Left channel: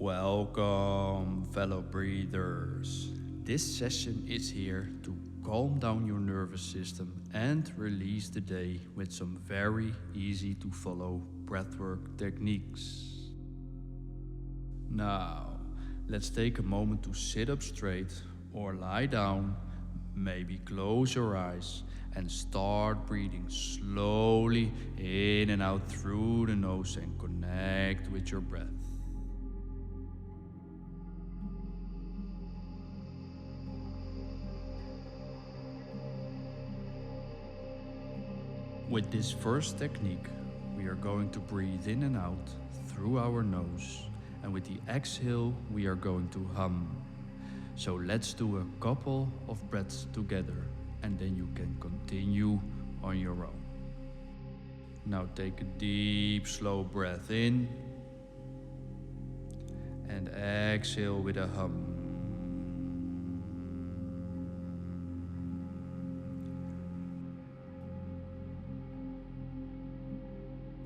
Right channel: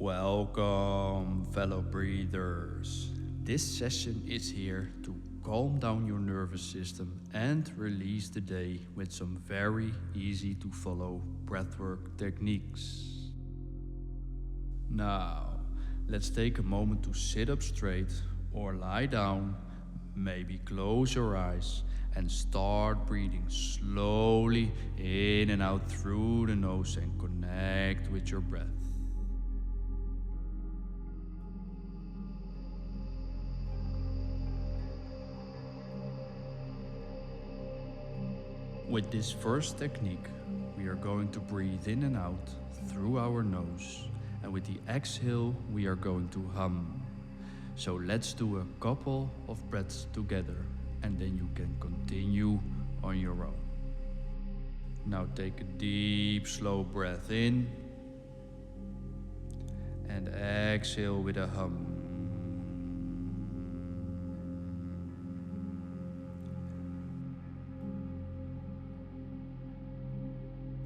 Welcome, fellow breathers. This session is here to calm down your nervous system and release the day with some very easy to follow breathwork techniques. Now, let's take a moment to sit up straight or lie down, maybe close your eyes and start breathing slowly in and out through the nose and connect with your breath. With this first technique, we are going to breathe in and out through our nose, and with the exhale, we are going to hum. So let's do a couple of breaths together, and then you can continue on your own. Now take a deep, slow breath in, and exhale with a hum.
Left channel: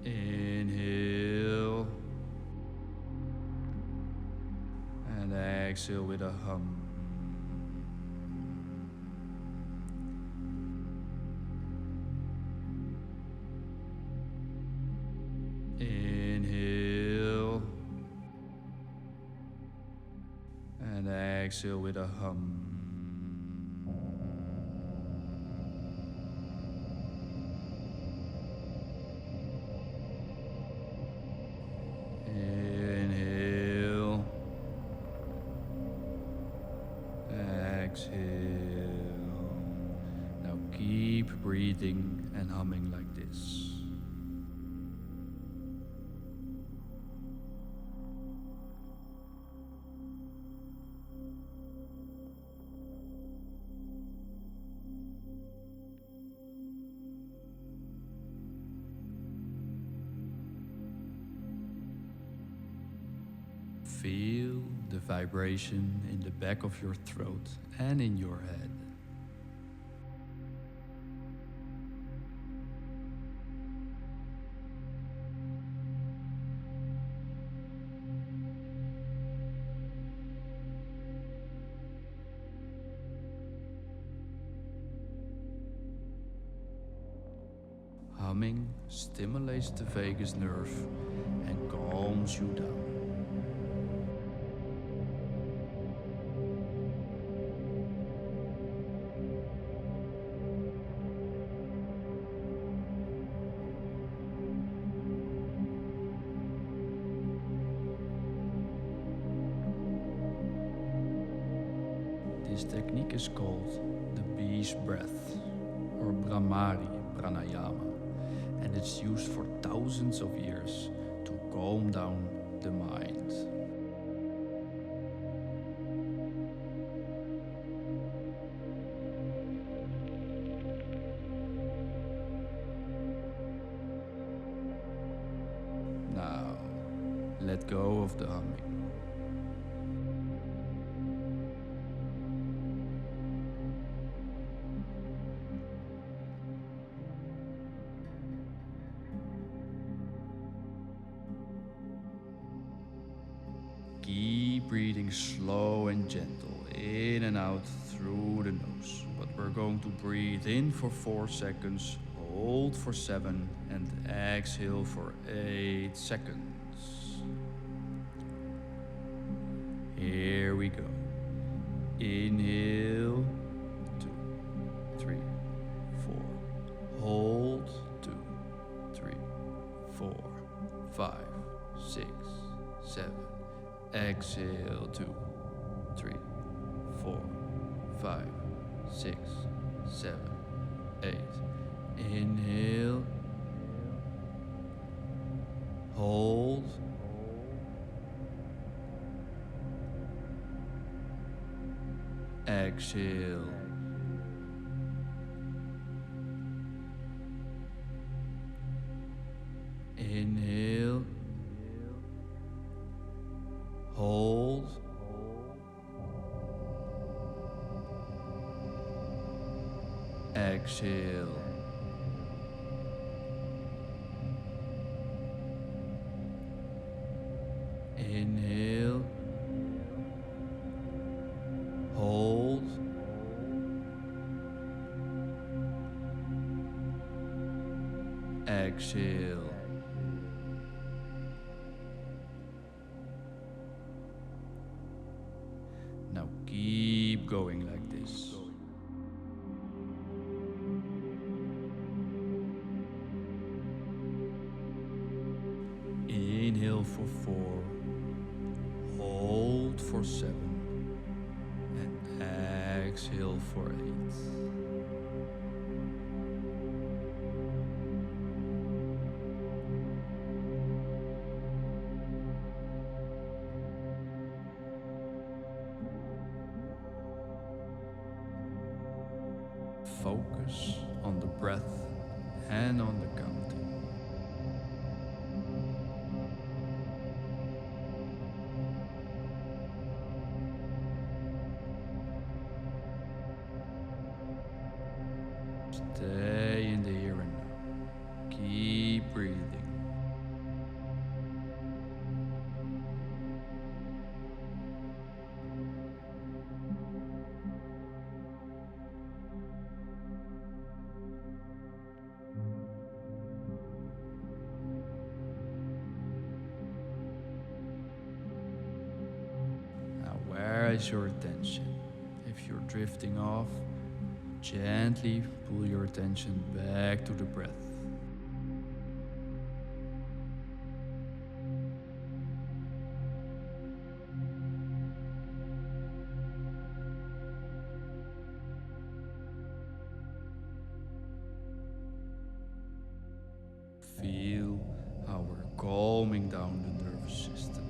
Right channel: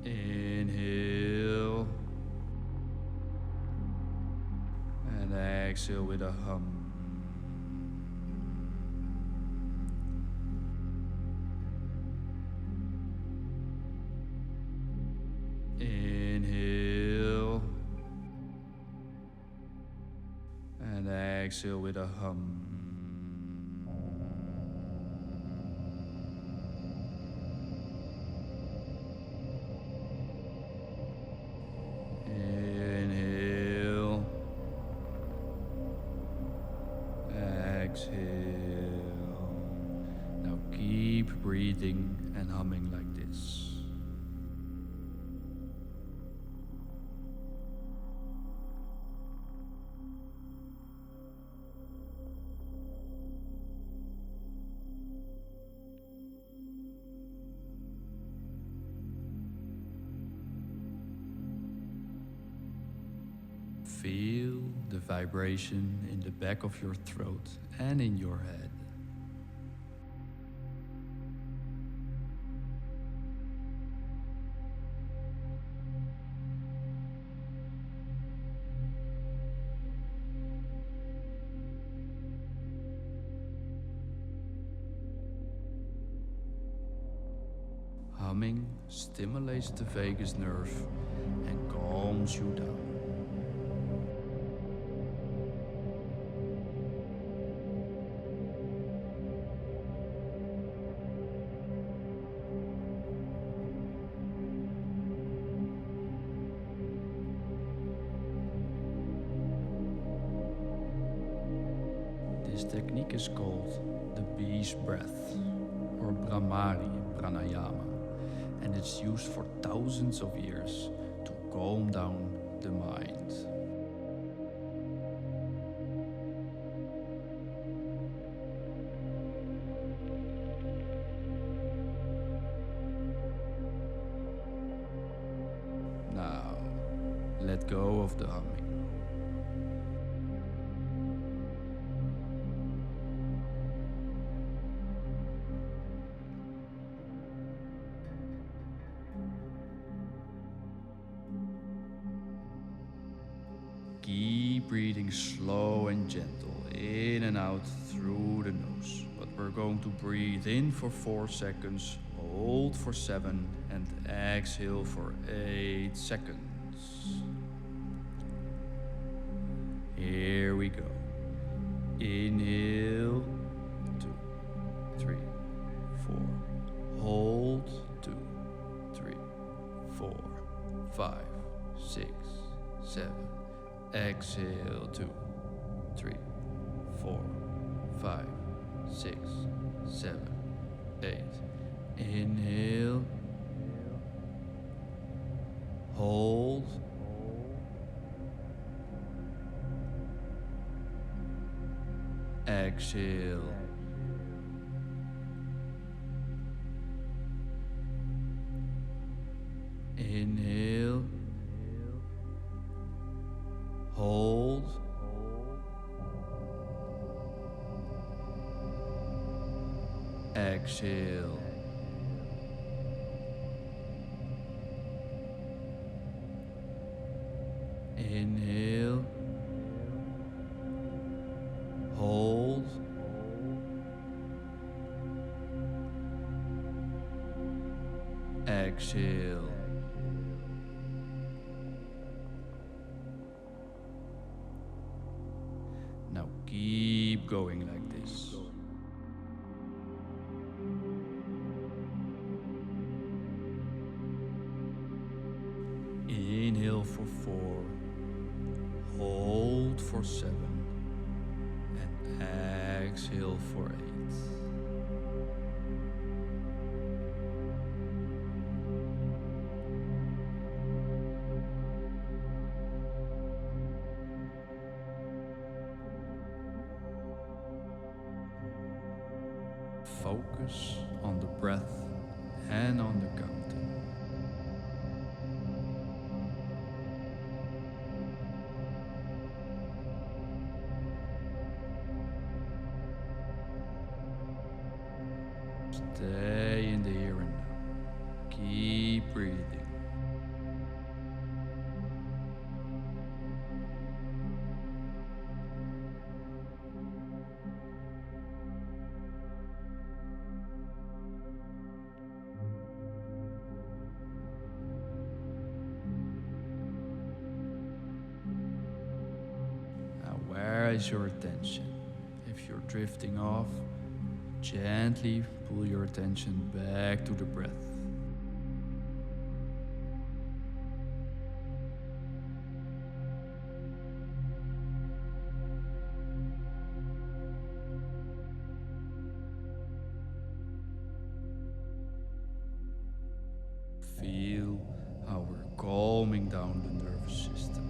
Inhale and exhale with a hum. Inhale and exhale with a hum. Inhale, exhale. Now keep breathing and humming like this. Feel the vibration in the back of your throat and in your head. Humming stimulates the vagus nerve and calms you down. This technique is called the bee's breath or Bhramari pranayama, and it's used for thousands of years to calm down the mind. Now, let go of the humming. Keep breathing slow and gentle, in and out through the nose. But we're going to breathe in for 4 seconds, hold for 7, and exhale for 8 seconds. Here we go. Inhale, 2, 3, 4. Hold, 2, 3, 4, 5, 6, 7. Exhale, 2, 3, 4, 5, 6, 7, 8. Inhale. Hold. Exhale. Inhale. Hold. Exhale. Inhale. exhale. Now keep going like this. Inhale for 4, hold for 7, and exhale for 8. Focus on the breath and on the counting. Stay in the here and now. Keep breathing. Now, where is your attention? If you're drifting off, gently pull your attention back to the breath. Feel how we're calming down the nervous system.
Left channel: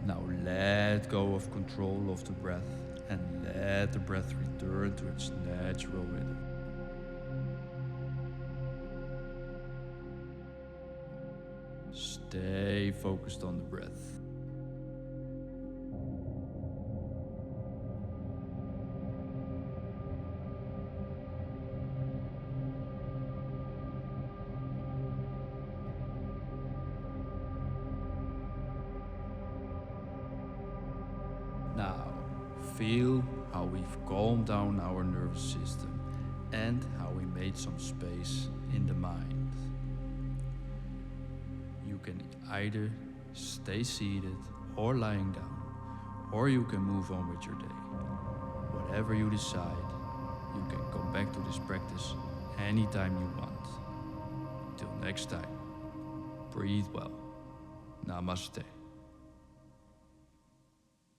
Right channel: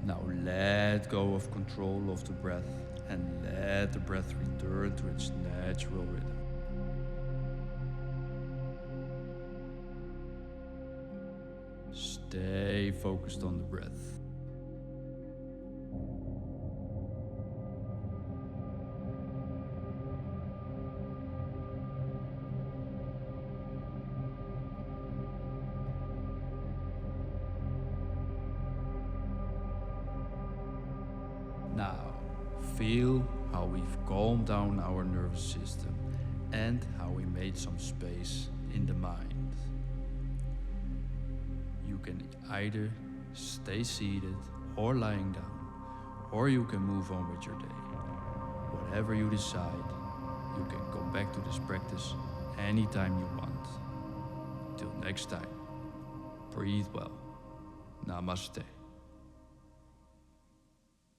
Now let go of control of the breath and let the breath return to its natural rhythm. Stay focused on the breath. Now, feel how we've calmed down our nervous system and how we made some space in the mind. You can either stay seated or lying down, or you can move on with your day. Whatever you decide, you can come back to this practice anytime you want. Till next time, breathe well. Namaste.